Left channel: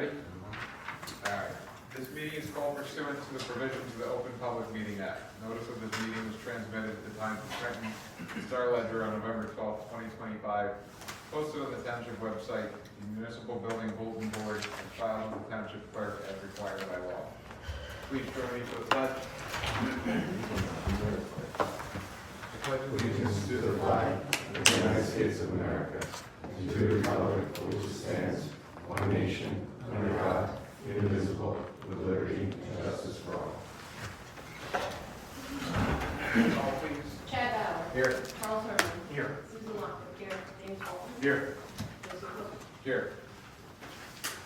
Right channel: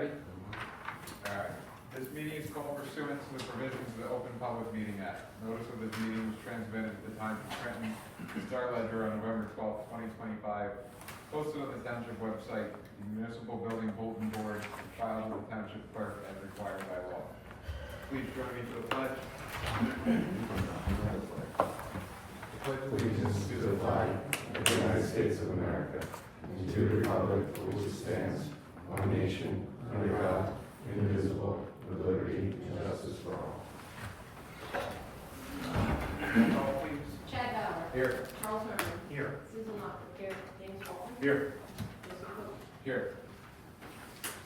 Alright, this meeting is called pursuant to the provisions of the Open Public Meeting Act. Notice of this meeting was transmitted at the Times of Trenton, Star Ledger on November 12th, 2025, posted on the Township website, the Municipal Building Bulletin Board, and filed with the Township Clerk as required by law. Please join me for the pledge. I pledge allegiance to the flag of the United States of America and to the republic for which it stands, one nation, under God, indivisible, with liberty and justice for all. Call, please. Chad Bauer. Here. Charles Herman. Here. Susan Lockwood. Here. James Cole. Here. Joseph Cook. Here.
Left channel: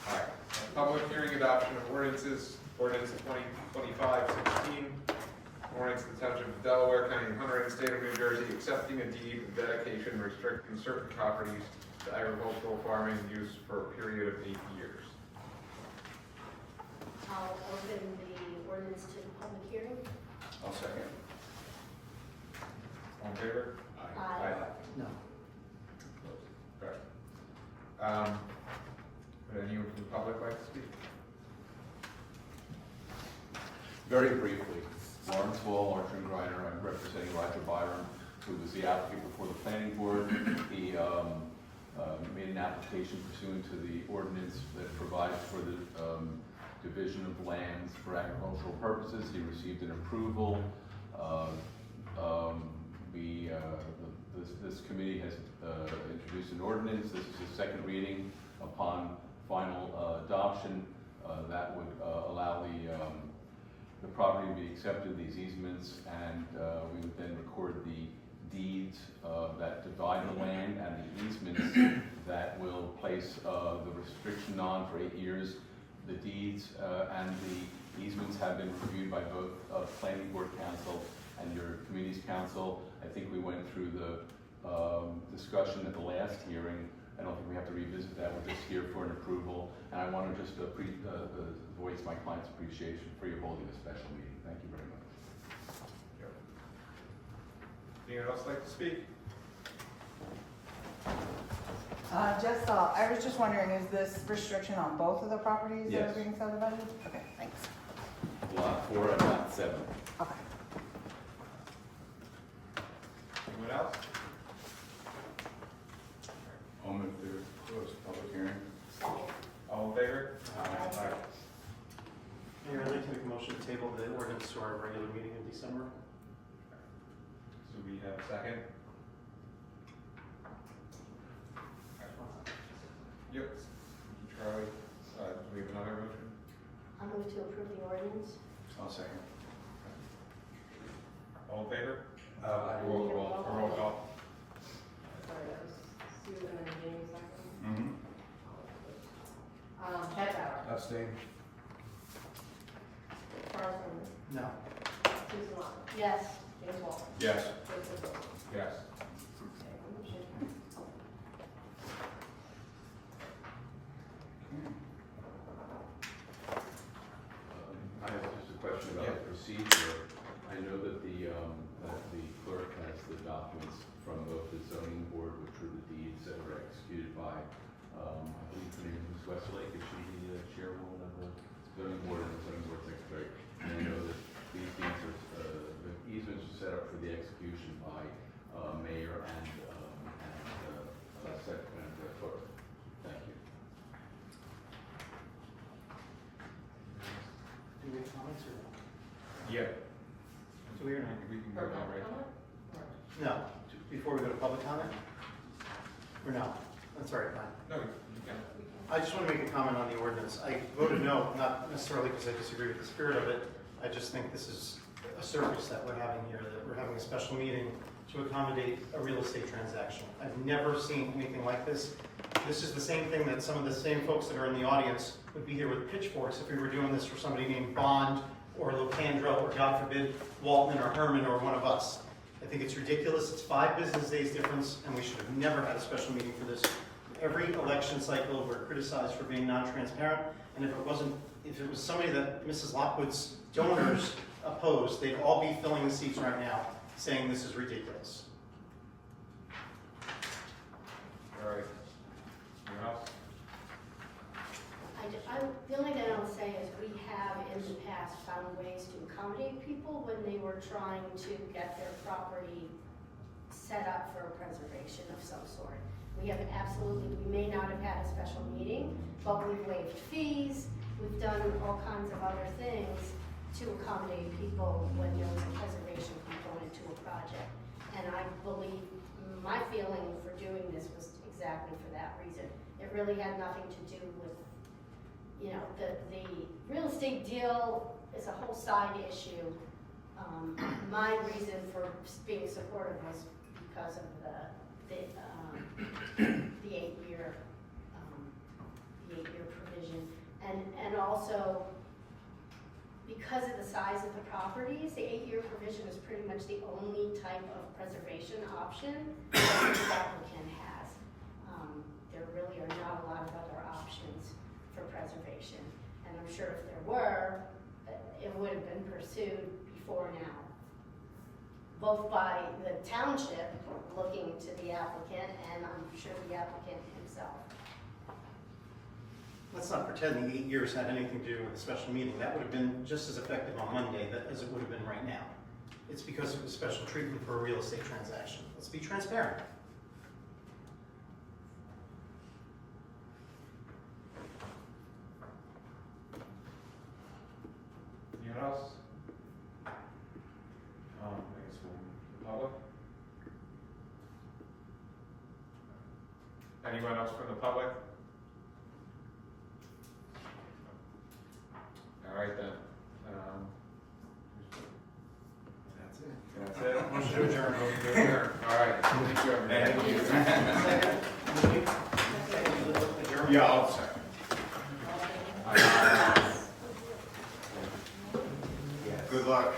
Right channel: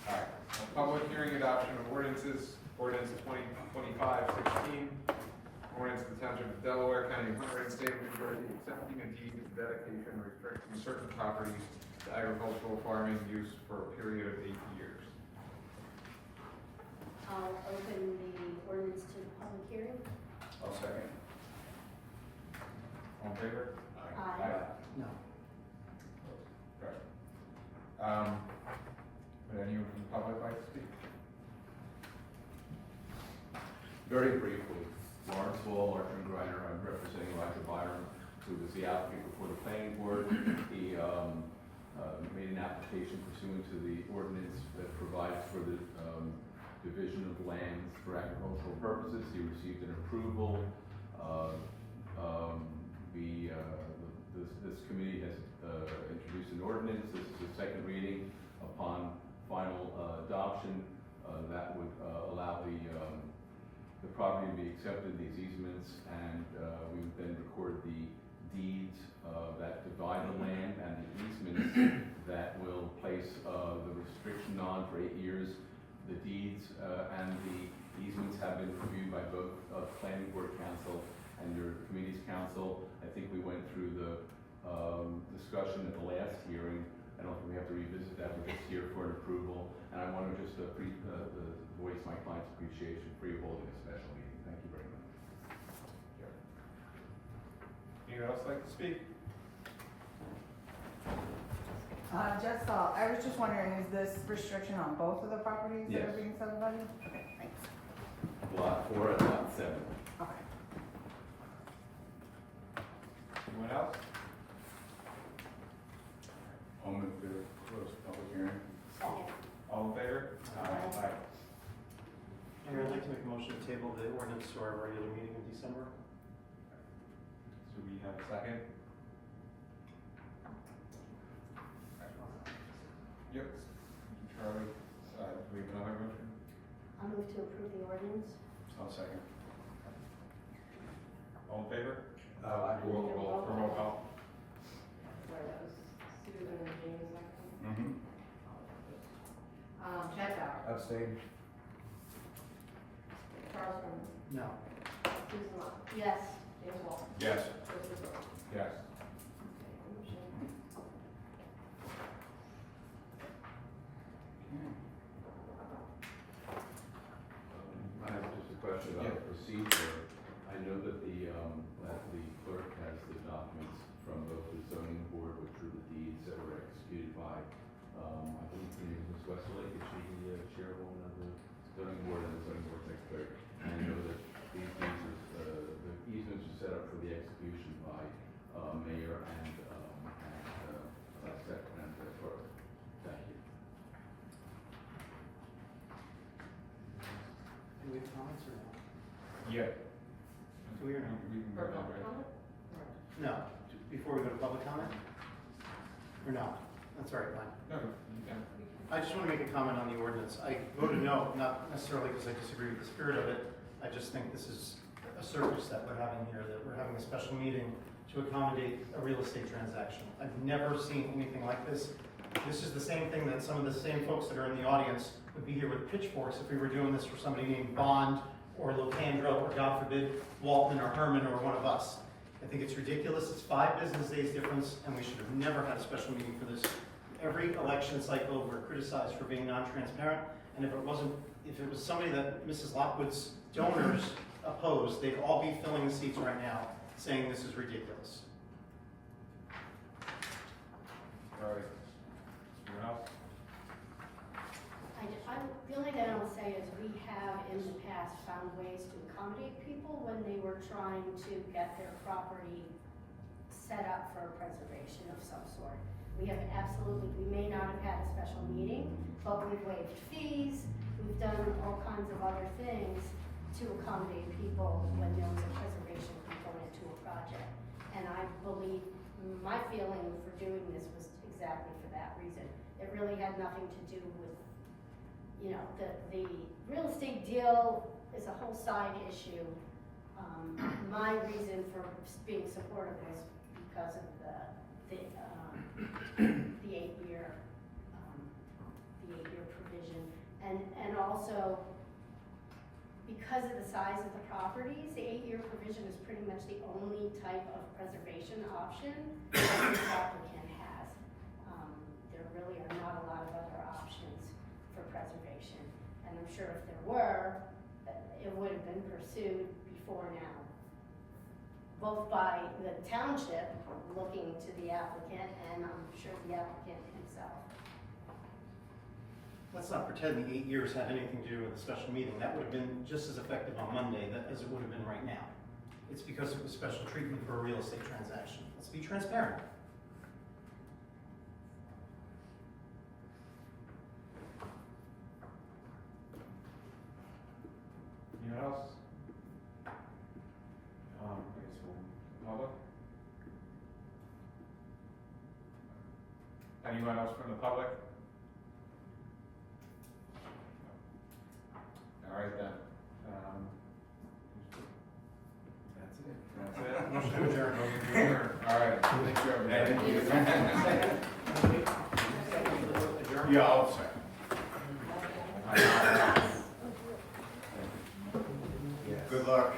Alright, public hearing adoption of ordinances, ordinance 2025-16, ordinance of the Township of Delaware, County of Hunter, and State of New Jersey, accepting a deed of dedication restricting certain properties to agricultural farming use for a period of 8 years. I'll open the ordinance to public hearing. I'll second. All in favor? Aye. No. Okay. Would anyone from the public like to speak? Very briefly, Lawrence Hall, Martin Griner, I'm representing Roger Byron, who was the applicant before the planning board. He made an application pursuant to the ordinance that provides for the division of lands for agricultural purposes. He received an approval. This committee has introduced an ordinance. This is the second reading. Upon final adoption, that would allow the property to be accepted, these easements, and we would then record the deeds that divide the land and the easements that will place the restriction on for 8 years. The deeds and the easements have been reviewed by both Planning Board Council and your Committee's Council. I think we went through the discussion at the last hearing. I don't think we have to revisit that. We're just here for an approval. And I want to just voice my client's appreciation for you holding a special meeting. Thank you very much. Anyone else like to speak? I was just wondering, is this restriction on both of the properties that Yes. are being subdivided? Okay, thanks. Lot 4 and Lot 7. Okay. Anyone else? I'll move to close the public hearing. Second. All in favor? Aye. Mayor, I'd like to make a motion to table the ordinance to our regular meeting in December. So we have a second? Yep. Charlie, do we have another motion? I'll move to approve the ordinance. I'll second. All in favor? Roll Roll call. Sorry, that was Susan and James. Mm-hmm. Chad Bauer. Abstain. Charles Herman. No. Susan Lockwood. Yes. James Cole. Yes. Joseph Cook. Yes. Motion carries. I have just a question about Yeah. the procedure. I know that the clerk has the documents from both the zoning board, which were the deeds that were executed by, I believe her name is Ms. Westlake. Is she the chairwoman of the zoning board and the zoning board secretary? And I know that these deeds are, the easements are set up for the execution by mayor and secretary and clerk. Thank you. Do we have comments or no? Yeah. Do we or not? We can go Or down, public right? comment? No. Before we go to public comment? Or no? That's all right, fine. No, you can. I just want to make a comment on the ordinance. I voted no, not necessarily because I disagree with the spirit of it. I just think this is a service that we're having here, that we're having a special meeting to accommodate a real estate transaction. I've never seen anything like this. This is the same thing that some of the same folks that are in the audience would be here with pitchforks if we were doing this for somebody named Bond or Locandro or, God forbid, Waltman or Herman or one of us. I think it's ridiculous. It's 5 business days difference, and we should have never had a special meeting for this. Every election cycle, we're criticized for being non-transparent, and if it was somebody that Mrs. Lockwood's donors opposed, they'd all be filling the seats right now, saying this is ridiculous. All right. Anyone else? I The only thing I'll say is we have in the past found ways to accommodate people when they were trying to get their property set up for a preservation of some sort. We have absolutely, we may not have had a special meeting, but we've waived fees, we've done all kinds of other things to accommodate people when there was a preservation component to a project. And I believe, my feeling for doing this was exactly for that reason. It really had nothing to do with, you know, the real estate deal is a whole side issue. My reason for being supportive was because of the 8-year provision, and also because of the size of the properties, the 8-year provision is pretty much the only type of preservation option that this applicant has. There really are not a lot of other options for preservation, and I'm sure if there were, it would have been pursued before now, both by the township looking to the applicant, and I'm sure the applicant himself. Let's not pretend the 8 years had anything to do with the special meeting. That would have been just as effective on Monday as it would have been right now. It's because it was special treatment for a real estate transaction. Let's be transparent. Anyone else? I guess we'll, public? Anyone else from the public? All right then. That's it. Motion to adjourn. Motion to adjourn. All right. Thank you, everybody. Second. Adjourn. Yeah, I'll second. Good luck.